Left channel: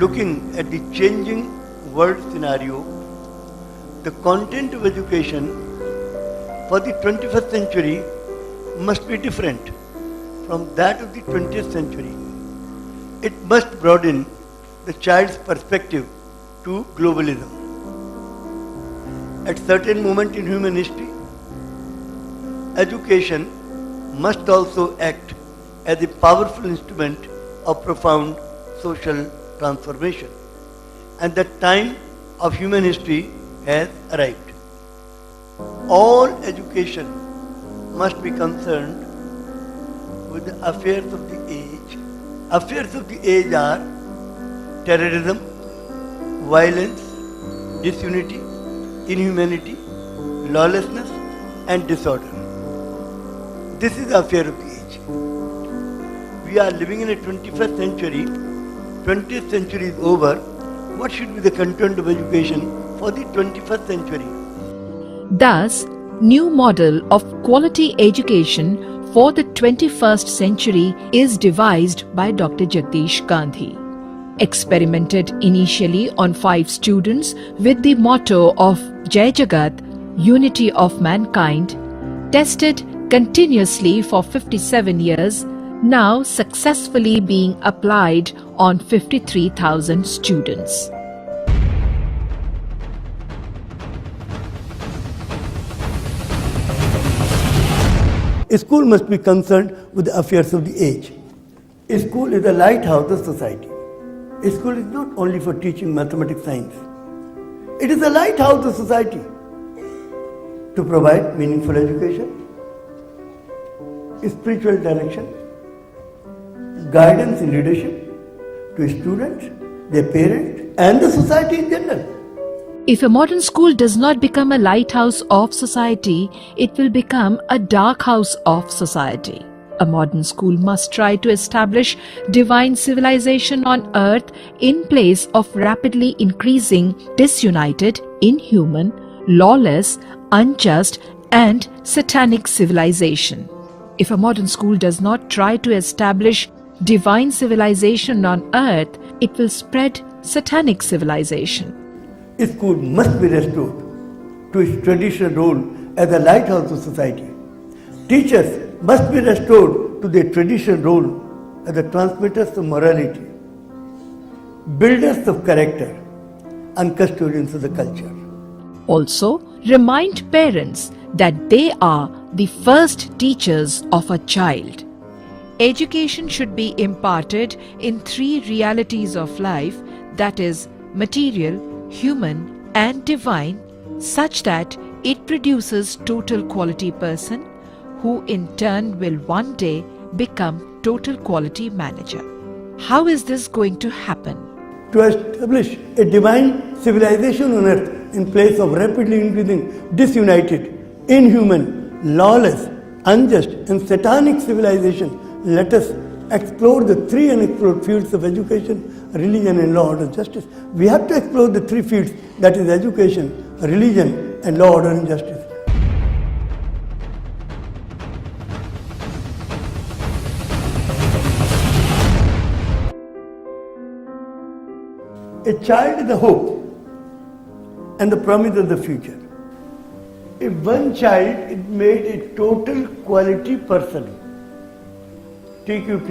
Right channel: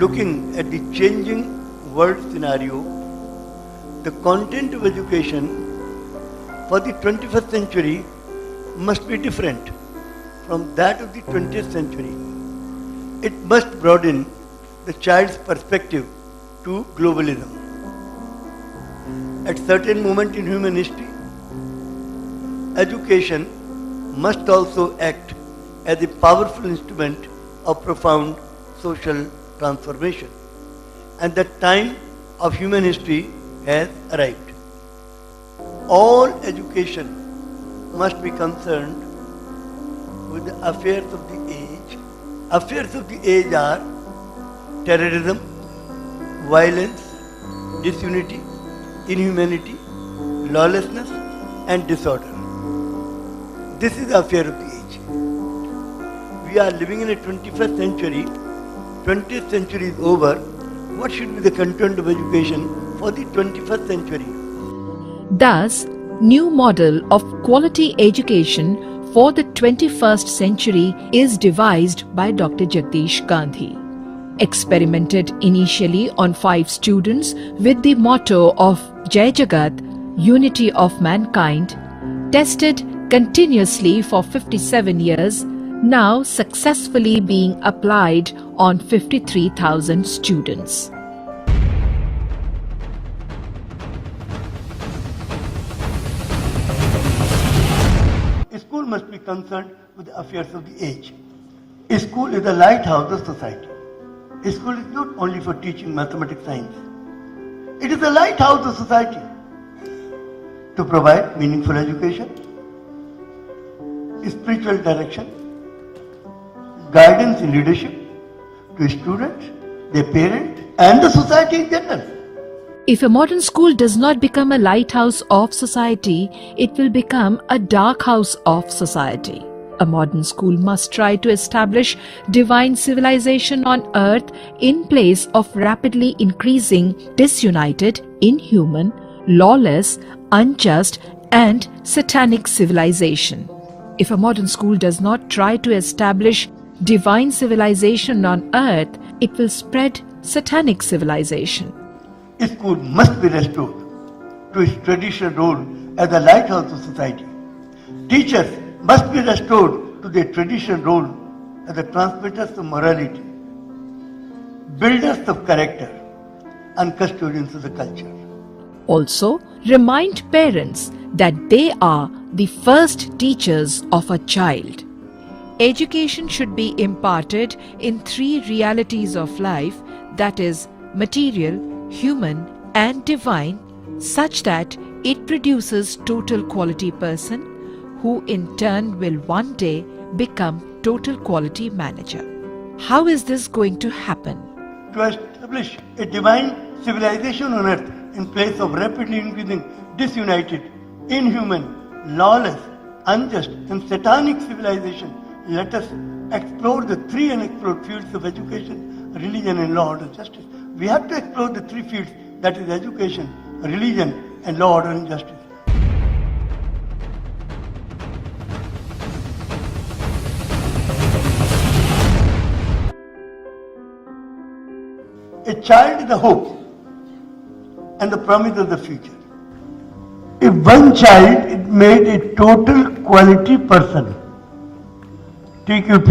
Looking at the changing world scenario, the content of education for the 21st century must be different from that of the 20th century. It must broaden the child's perspective to globalism. At certain moment in human history, education must also act as a powerful instrument of profound social transformation. And the time of human history has arrived. All education must be concerned with the affairs of the age. Affairs of the age are terrorism, violence, disunity, inhumanity, lawlessness and disorder. This is the affair of the age. We are living in a 21st century. 20th century is over. What should be the content of education for the 21st century? Thus, new model of quality education for the 21st century is devised by Dr. Jagdish Gandhi. Experimented initially on 5 students with the motto of Jai Jagat, unity of mankind, tested continuously for 57 years, now successfully being applied on 53,000 students. A school must be concerned with the affairs of the age. A school is the lighthouse of society. A school is not only for teaching mathematics, science. It is the lighthouse of society to provide meaningful education, spiritual direction, guidance and leadership to students, their parents, and the society in general. If a modern school does not become a lighthouse of society, it will become a dark house of society. A modern school must try to establish divine civilization on earth in place of rapidly increasing disunited, inhuman, lawless, unjust, and satanic civilization. If a modern school does not try to establish divine civilization on earth, it will spread satanic civilization. School must be restored to its traditional role as a lighthouse of society. Teachers must be restored to their traditional role as the transmitters of morality, builders of character, and custodians of the culture. Also, remind parents that they are the first teachers of a child. Education should be imparted in 3 realities of life, that is, material, human, and divine, such that it produces total quality person, who in turn will one day become total quality manager. How is this going to happen? To establish a divine civilization on earth in place of rapidly increasing disunited, inhuman, lawless, unjust, and satanic civilization, let us explore the 3 unexplored fields of education, religion, and law, order, justice. We have to explore the 3 fields, that is education, religion, and law, order, and justice. A child is the hope and the promise of the future. If one child is made a total quality person, TQP,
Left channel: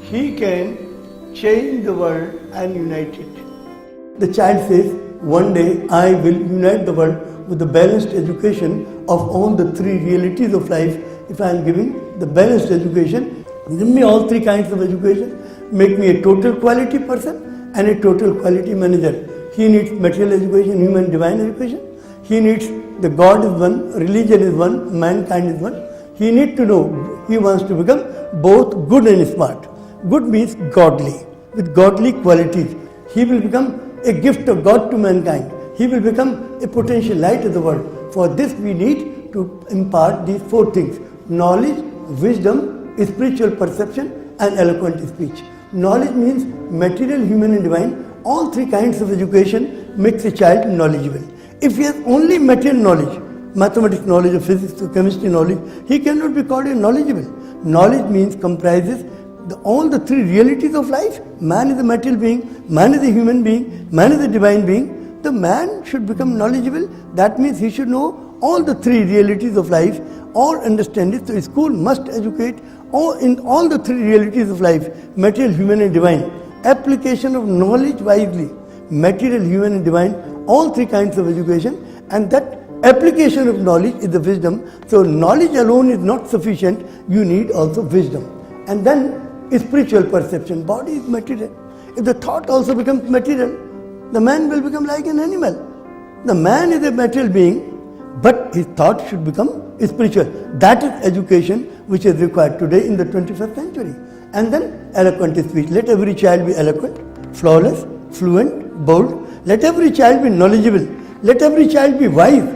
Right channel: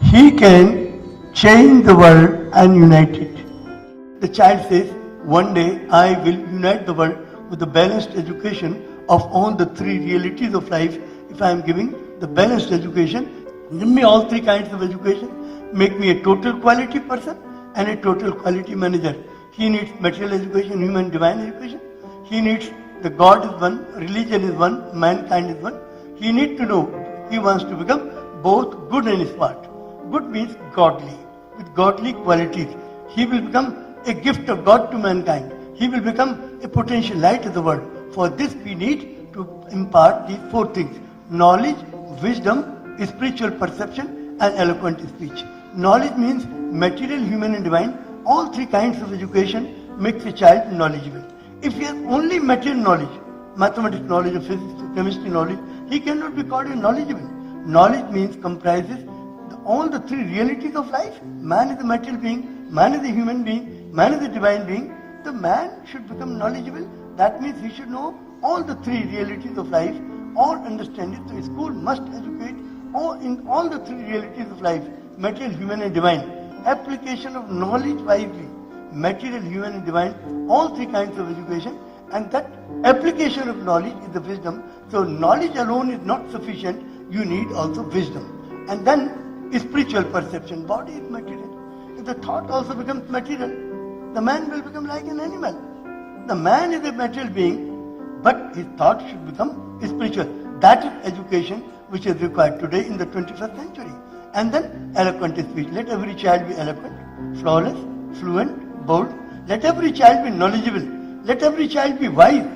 he can change the world and unite it. The child says, one day I will unite the world with a balanced education of all the 3 realities of life. If I am giving the balanced education, give me all 3 kinds of education, make me a total quality person and a total quality manager. He needs material education, human, divine education. He needs the God is one, religion is one, mankind is one. He needs to know, he wants to become both good and smart. Good means godly, with godly qualities. He will become a gift of God to mankind. He will become a potential light of the world. For this we need to impart these 4 things: knowledge, wisdom, spiritual perception, and eloquent speech. Knowledge means material, human, and divine. All 3 kinds of education makes a child knowledgeable. If he has only material knowledge, mathematics knowledge, or physics or chemistry knowledge, he cannot be called knowledgeable. Knowledge means comprises all the three realities of life. Man is a material being, man is a human being, man is a divine being. The man should become knowledgeable. That means he should know all the three realities of life or understand it. So school must educate in all the three realities of life, material, human and divine. Application of knowledge wisely, material, human and divine, all three kinds of education, and that application of knowledge is the wisdom. So knowledge alone is not sufficient, you need also wisdom. And then spiritual perception, body is material. If the thought also becomes material, the man will become like an animal. The man is a material being, but his thought should become spiritual. That is education which is required today in the 21st century. And then eloquent speech. Let every child be eloquent, flawless, fluent, bold. Let every child be knowledgeable. Let every child be wise.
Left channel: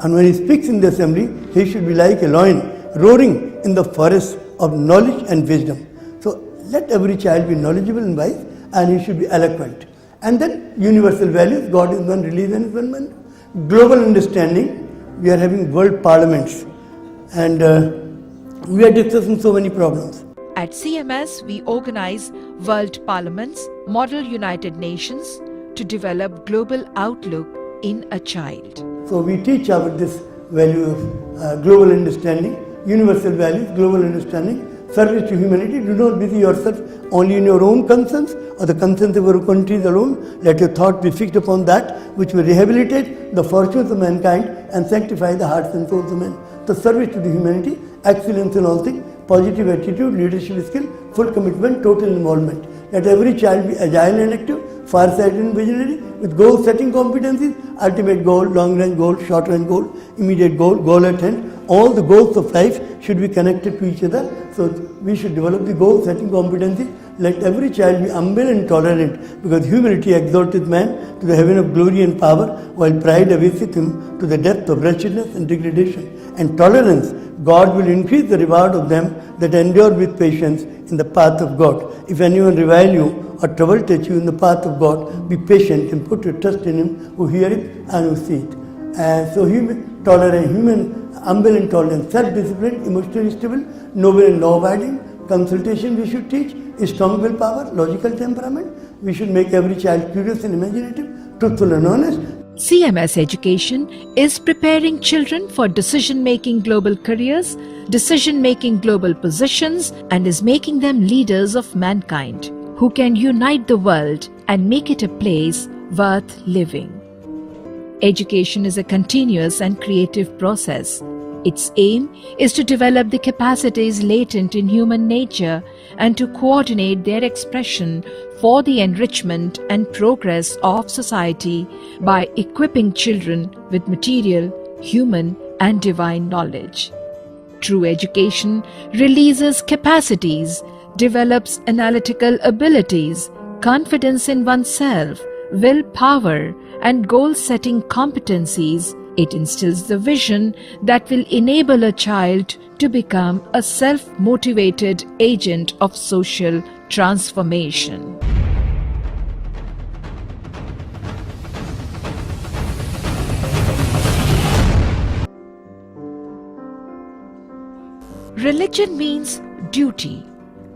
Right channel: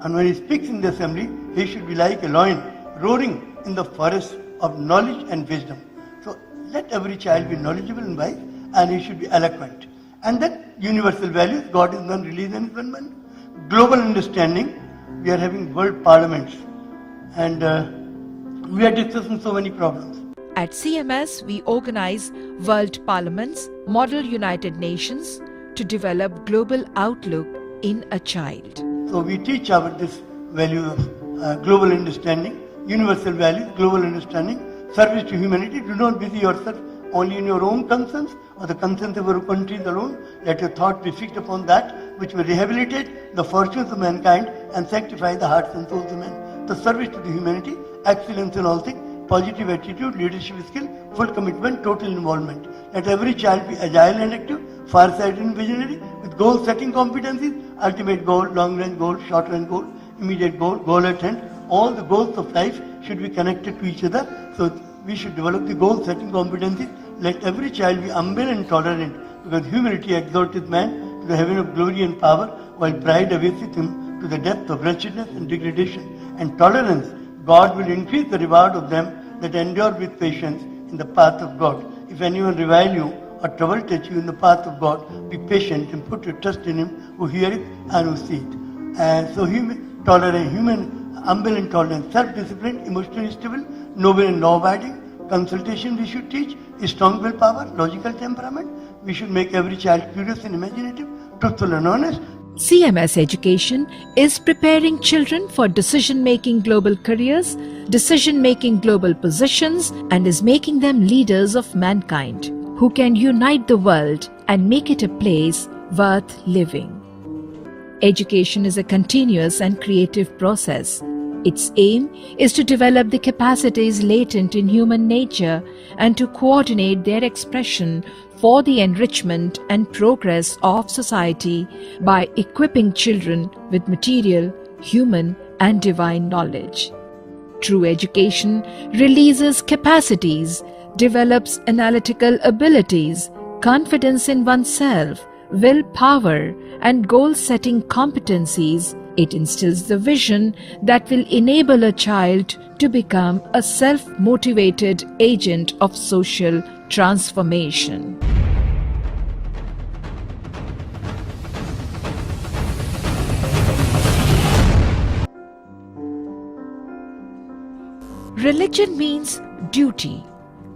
And when he speaks in the assembly, he should be like a lion roaring in the forest of knowledge and wisdom. So let every child be knowledgeable and wise, and he should be eloquent. And then universal values, God is one, religion is one man. Global understanding, we are having world parliaments, and we are discussing so many problems. At CMS, we organize world parliaments, model United Nations to develop global outlook in a child. So we teach about this value of global understanding, universal values, global understanding, service to humanity. Do not busy yourself only in your own concerns or the concerns of your countries alone. Let your thought be fixed upon that which will rehabilitate the fortunes of mankind and sanctify the hearts and souls of men. So service to the humanity, excellence in all things, positive attitude, leadership skill, full commitment, total involvement. Let every child be agile and active, far-sighted and visionary, with goal-setting competencies, ultimate goal, long-range goal, short-range goal, immediate goal, goal at hand. All the goals of life should be connected to each other. So we should develop the goal-setting competencies. Let every child be humble and tolerant, because humility exalteth man to the heaven of glory and power, while pride abaseth him to the depth of wretchedness and degradation. And tolerance, God will increase the reward of them that endure with patience in the path of God. If anyone revile you or trouble touch you in the path of God, be patient and put your trust in him who heareth and who seeth. So humble and tolerant, self-disciplined, emotionally stable, noble and law-abiding, consultation we should teach, strong willpower, logical temperament. We should make every child curious and imaginative, truthful and honest. CMS Education is preparing children for decision-making global careers, decision-making global positions, and is making them leaders of mankind who can unite the world and make it a place worth living. Education is a continuous and creative process. Its aim is to develop the capacities latent in human nature and to coordinate their expression for the enrichment and progress of society by equipping children with material, human, and divine knowledge. True education releases capacities, develops analytical abilities, confidence in oneself, willpower, and goal-setting competencies. It instills the vision that will enable a child to become a self-motivated agent of social transformation. Religion means duty.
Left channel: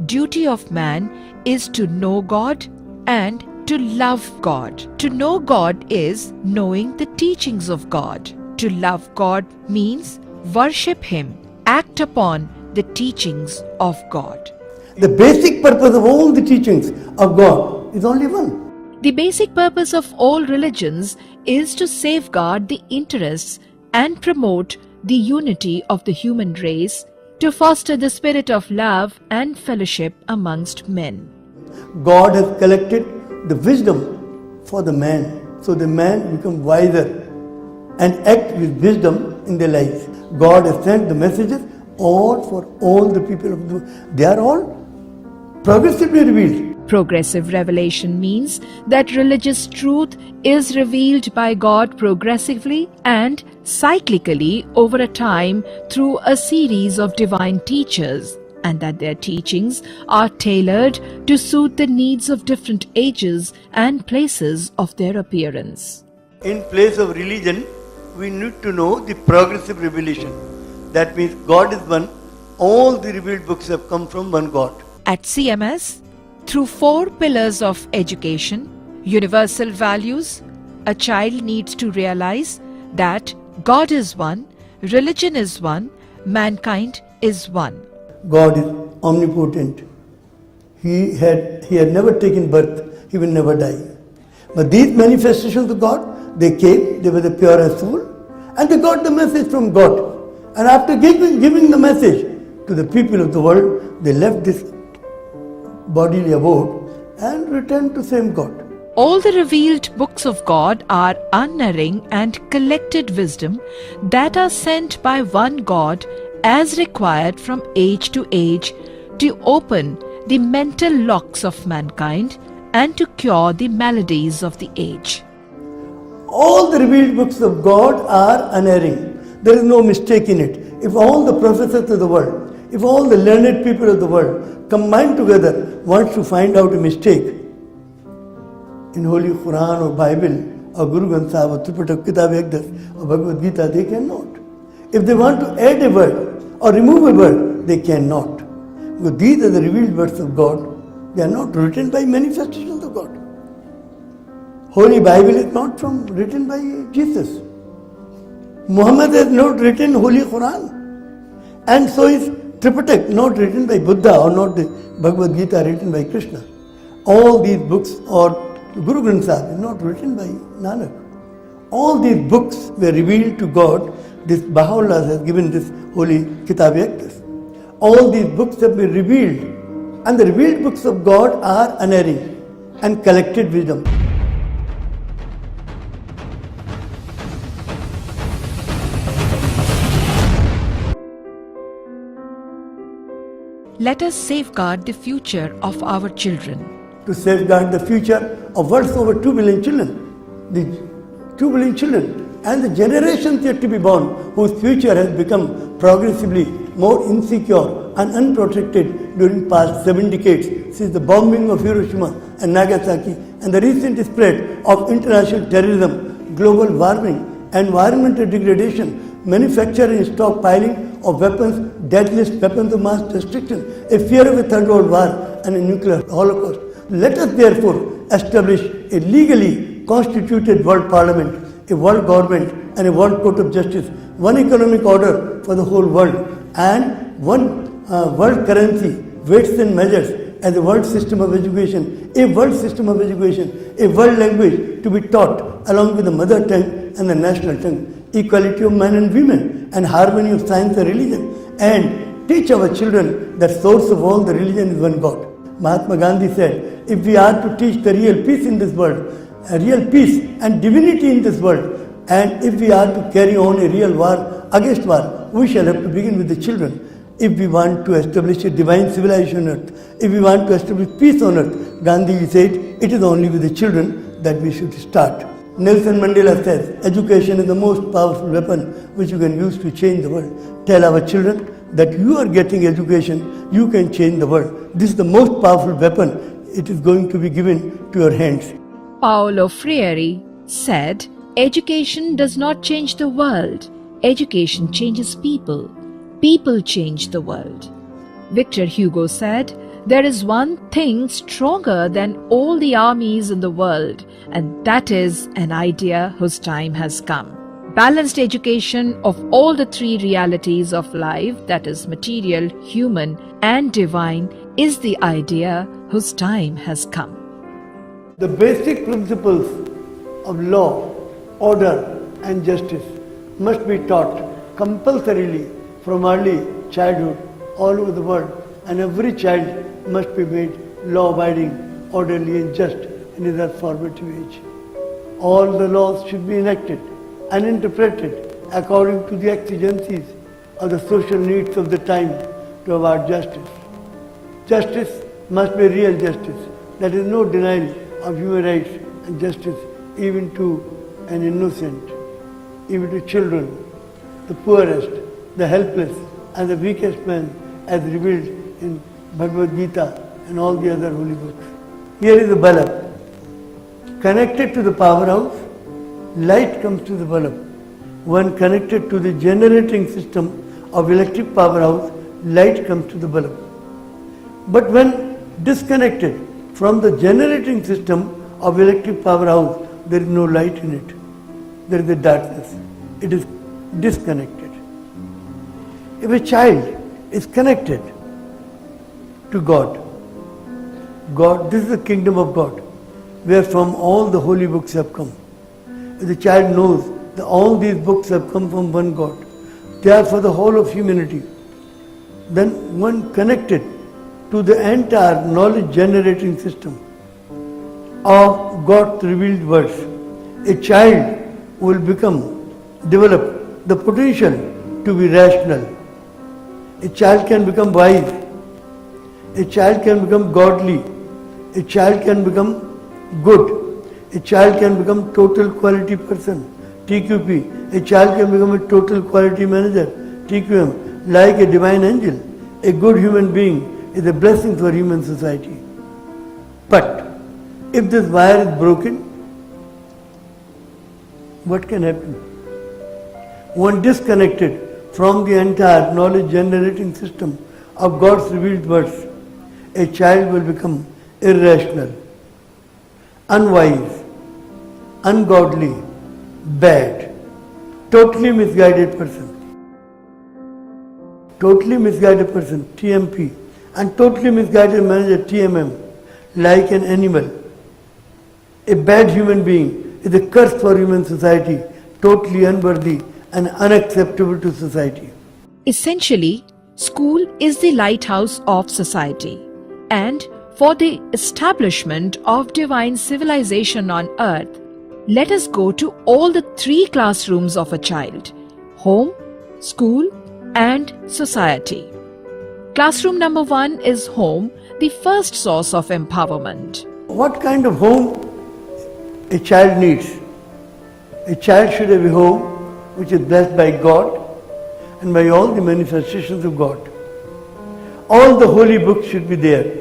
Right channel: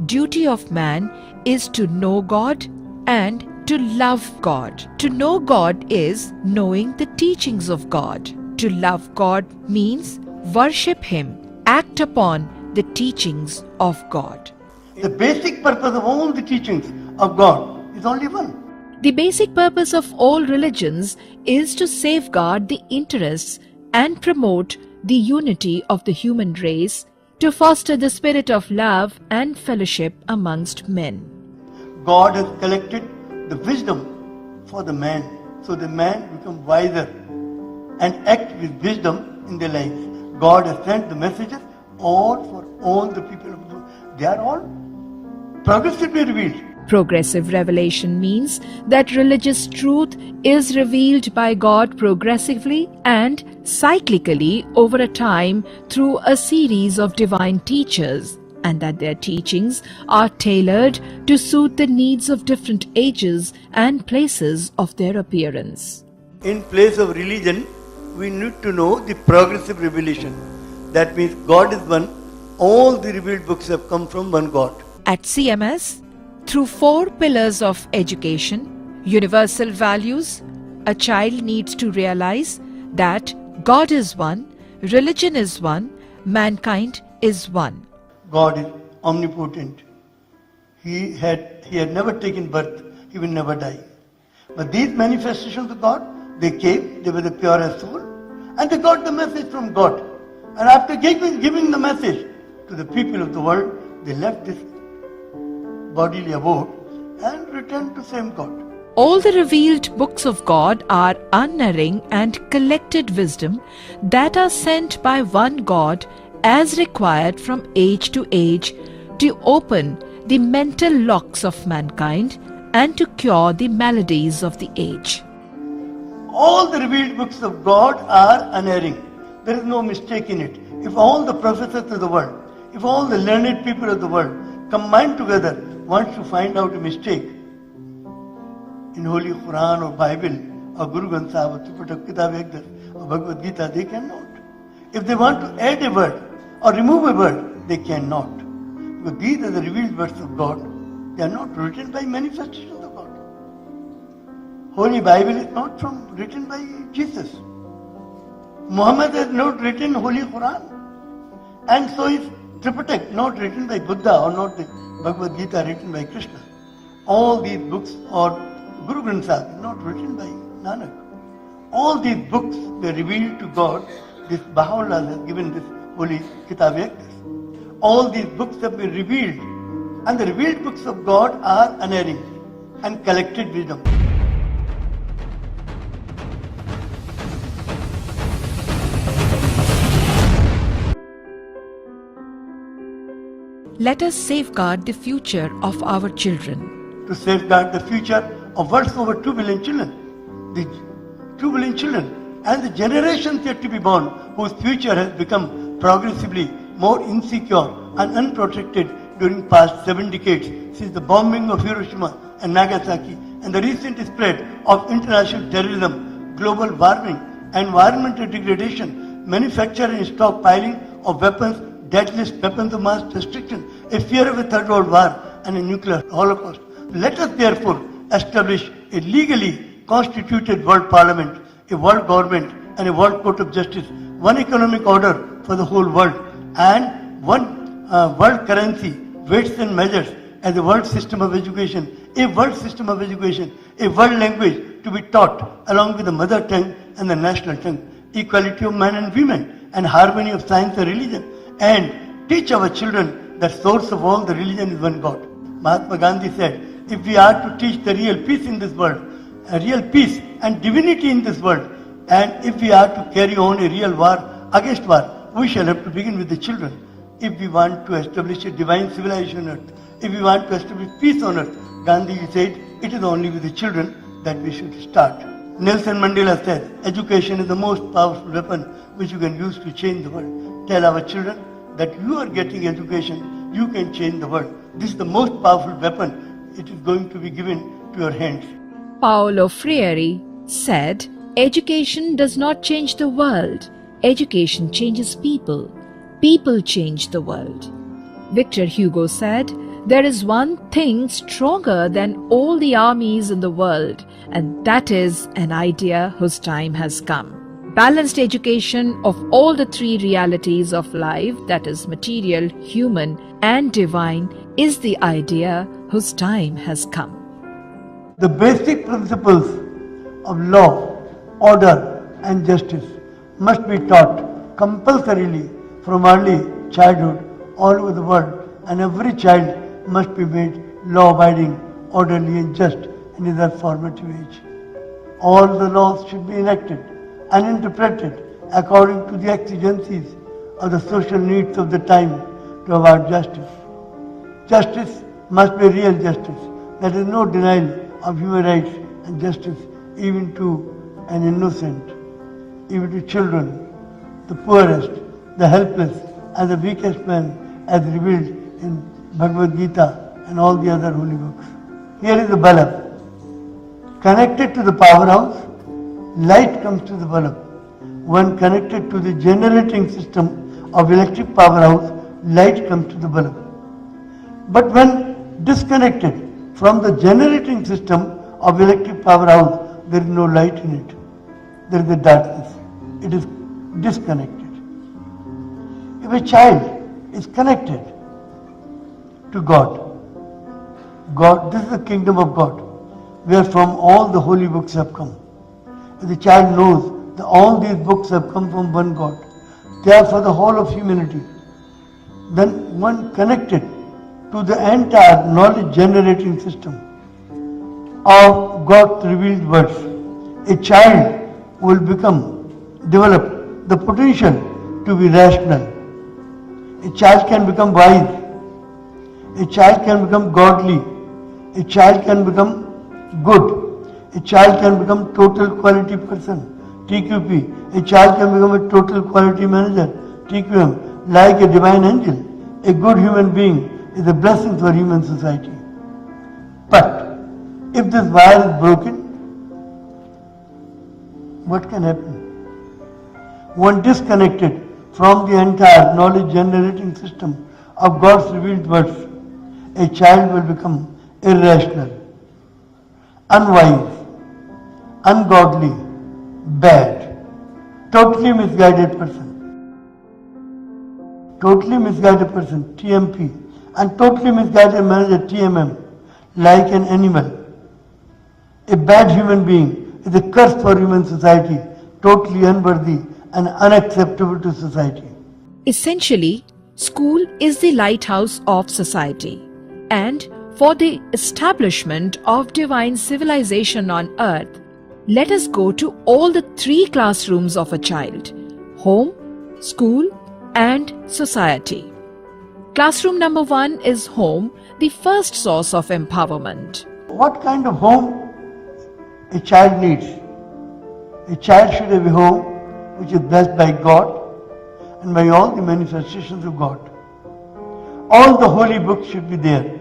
Duty of man is to know God and to love God. To know God is knowing the teachings of God. To love God means worship Him, act upon the teachings of God. The basic purpose of all the teachings of God is only one. The basic purpose of all religions is to safeguard the interests and promote the unity of the human race, to foster the spirit of love and fellowship amongst men. God has collected the wisdom for the man, so the man become wiser and act with wisdom in their lives. God has sent the messages all for all the people of the world. They are all progressively revealed. Progressive revelation means that religious truth is revealed by God progressively and cyclically over a time through a series of divine teachers, and that their teachings are tailored to suit the needs of different ages and places of their appearance. In place of religion, we need to know the progressive revelation. That means God is one. All the revealed books have come from one God. At CMS, through 4 pillars of education, universal values, a child needs to realize that God is one, religion is one, mankind is one. God is omnipotent. He had never taken birth, he will never die. But these manifestations of God, they came, they were the purest soul, and they got the message from God. And after giving the message to the people of the world, they left this bodily abode and returned to same God. All the revealed books of God are unerring and collected wisdom that are sent by one God as required from age to age to open the mental locks of mankind and to cure the maladies of the age. All the revealed books of God are unerring. There is no mistake in it. If all the professors of the world, if all the learned people of the world combine together wants to find out a mistake in Holy Quran or Bible or Guru Granth Sahib or Tripatak Kitab Jagdish or Bhagavad Gita, they cannot. If they want to add a word or remove a word, they cannot. Because these are the revealed words of God. They are not written by manifestations of God. Holy Bible is not written by Jesus. Muhammad has not written Holy Quran. And so is Tripatak not written by Buddha or not the Bhagavad Gita written by Krishna. All these books or Guru Granth Sahib is not written by Nanak. All these books were revealed to God. This Baha'u'llah has given this Holy Kitab Jagdish. All these books have been revealed, and the revealed books of God are unerring and collected wisdom. Let us safeguard the future of our children. To safeguard the future of world's over 2 billion children, the 2 billion children and the generations yet to be born, whose future has become progressively more insecure and unprotected during past 7 decades since the bombing of Hiroshima and Nagasaki and the recent spread of international terrorism, global warming, environmental degradation, manufacturing and stockpiling of weapons, deadliest weapons of mass destruction, a fear of a third world war and a nuclear holocaust. Let us therefore establish a legally constituted world parliament, a world government and a world court of justice, one economic order for the whole world and one world currency, weights and measures as a world system of education, a world system of education, a world language to be taught along with the mother tongue and the national tongue, equality of men and women and harmony of science and religion, and teach our children that source of all the religion is one God. Mahatma Gandhi said, if we are to teach the real peace in this world, a real peace and divinity in this world, and if we are to carry on a real war against war, we shall have to begin with the children. If we want to establish a divine civilization on earth, if we want to establish peace on earth, Gandhi said, it is only with the children that we should start. Nelson Mandela says, education is the most powerful weapon which you can use to change the world. Tell our children that you are getting education, you can change the world. This is the most powerful weapon. It is going to be given to your hands. Paulo Freire said, education does not change the world. Education changes people. People change the world. Victor Hugo said, there is one thing stronger than all the armies in the world, and that is an idea whose time has come. Balanced education of all the 3 realities of life, that is material, human, and divine, is the idea whose time has come. The basic principles of law, order, and justice must be taught compulsorily from early childhood all over the world, and every child must be made law-abiding, orderly, and just in that formative age. All the laws should be enacted and interpreted according to the exigencies of the social needs of the time to avoid justice. Justice must be real justice. There is no denial of human rights and justice even to an innocent, even to children, the poorest, the helpless, and the weakest man as revealed in Bhagavad Gita and all the other holy books. Here is the bulb. Connected to the powerhouse, light comes to the bulb. When connected to the generating system of electric powerhouse, light comes to the bulb. But when disconnected from the generating system of electric powerhouse, there is no light in it. There is a darkness. It is disconnected. If a child is connected to God, this is the kingdom of God, where from all the holy books have come. If the child knows that all these books have come from one God, they are for the whole of humanity, then one connected to the entire knowledge generating system of God's revealed words, a child will develop the potential to be rational. A child can become wise. A child can become godly. A child can become good. A child can become total quality person, TQP. A child can become a total quality manager, TQM, like a divine angel. A good human being is a blessing for human society. But if this wire is broken, what can happen? One disconnected from the entire knowledge generating system of God's revealed words, a child will become irrational, unwise, ungodly, bad, totally misguided person. Totally misguided person, TMP, and totally misguided manager, TMM, like an animal. A bad human being is a curse for human society, totally unworthy and unacceptable to society. Essentially, school is the lighthouse of society, and for the establishment of divine civilization on earth, let us go to all the three classrooms of a child: home, school, and society. Classroom number 1 is home, the first source of empowerment. What kind of home a child needs? A child should have a home which is blessed by God and by all the manifestations of God. All the holy books should be there.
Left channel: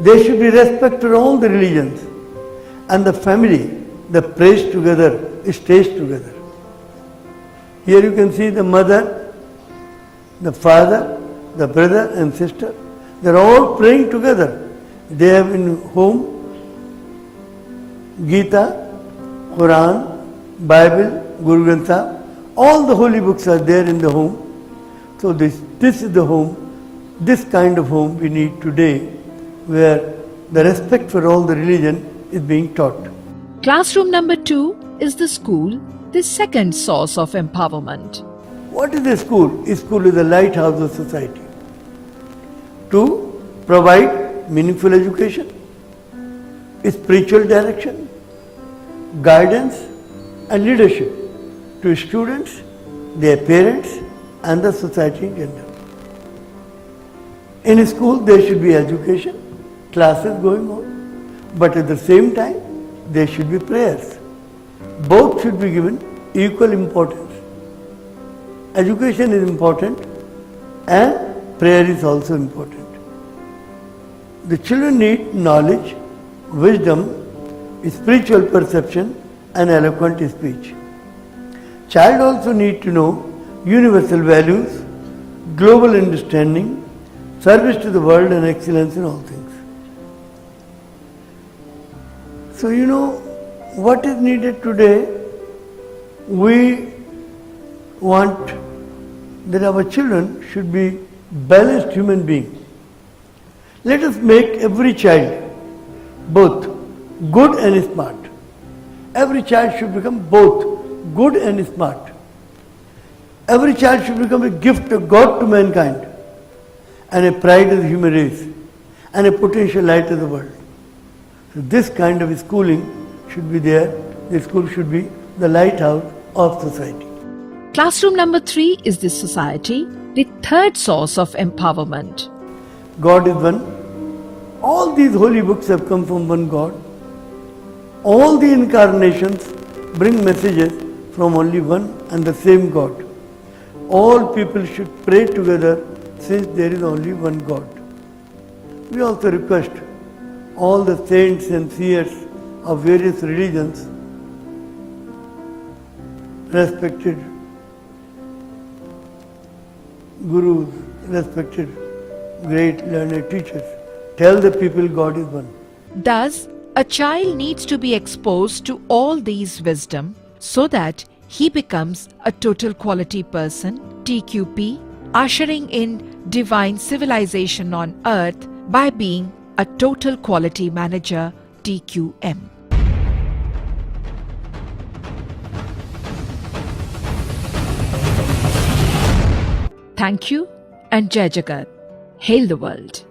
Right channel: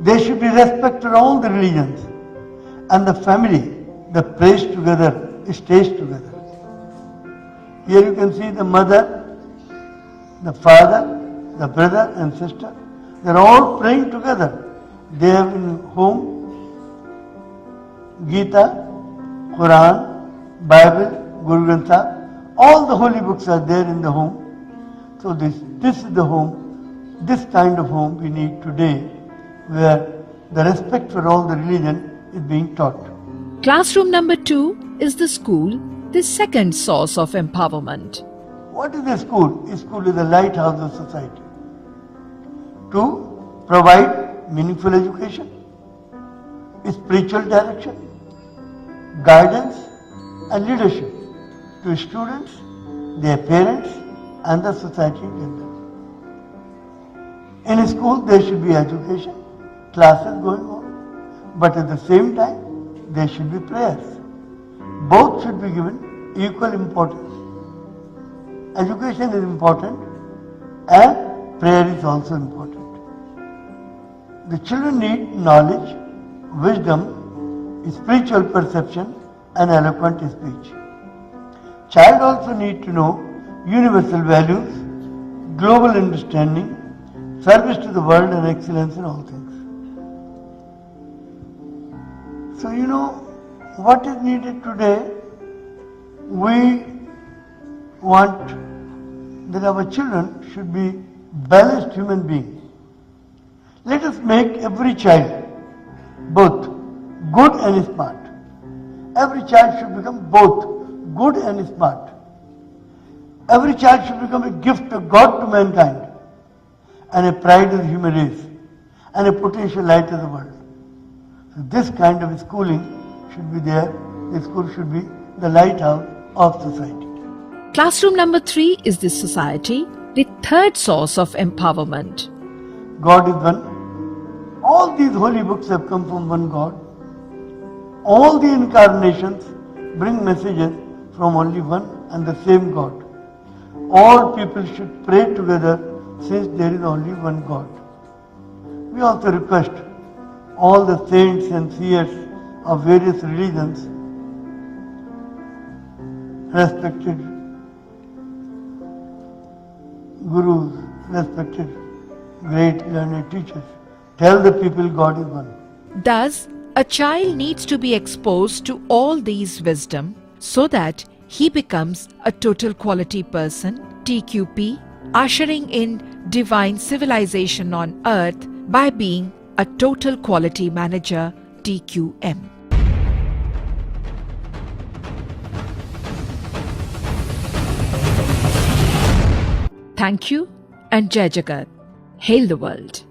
There should be respect for all the religions. And the family that prays together, stays together. Here you can see the mother, the father, the brother and sister. They are all praying together. They have in home Gita, Quran, Bible, Guru Granth Sahib. All the holy books are there in the home. So this is the home, this kind of home we need today, where the respect for all the religion is being taught. Classroom number 2 is the school, the second source of empowerment. What is a school? A school is the lighthouse of society. To provide meaningful education, spiritual direction, guidance and leadership to students, their parents and the society in general. In a school there should be education, classes going on, but at the same time there should be prayers. Both should be given equal importance. Education is important and prayer is also important. The children need knowledge, wisdom, spiritual perception and eloquent speech. Child also need to know universal values, global understanding, service to the world and excellence in all things. So what is needed today? We want that our children should be balanced human beings. Let us make every child both good and smart. Every child should become both good and smart. Every child should become a gift of God to mankind and a pride of the human race and a potential light of the world. So this kind of schooling should be there. The school should be the lighthouse of society. Classroom number 3 is the society, the third source of empowerment. God is one. All these holy books have come from one God. All the incarnations bring messages from only one and the same God. All people should pray together since there is only one God. We also request all the saints and seers of various religions, respected gurus, respected great learned teachers. Tell the people God is one. Thus, a child needs to be exposed to all these wisdom so that he becomes a total quality person, TQP, ushering in divine civilization on earth by being a total quality manager, TQM. Thank you and Jai Jagat. Hail the world.